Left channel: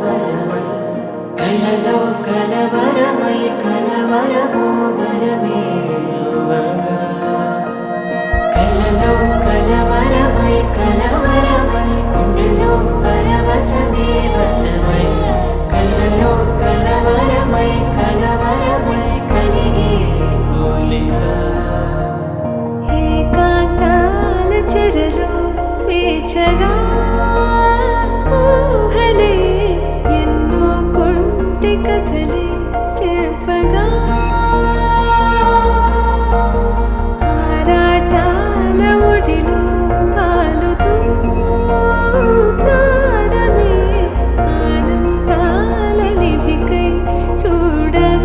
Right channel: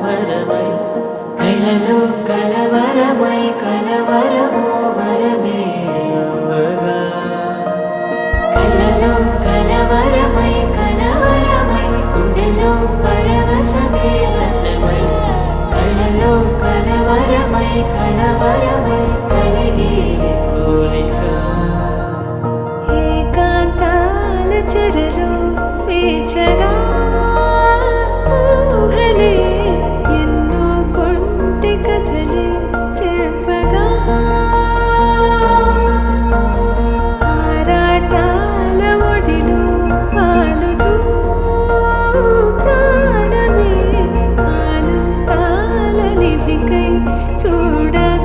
వరమై కలలో కలవరమై కలవరము వరమే అవ్వగా కలలో కలవరమై కలవరమై గుండెలో పరవశమే వశమై కలలో కలవరమై కలవరమై కలిగే కోరిక ఏకాంతాల చెరలో స్వేచ్ఛగా ఊహలే ఎన్నో కొంటి కథలే చెప్పగా ఆరాటాల ఒడిలో వాలుతూ ప్రాణమే ఆనందాల నిధికై చూడగా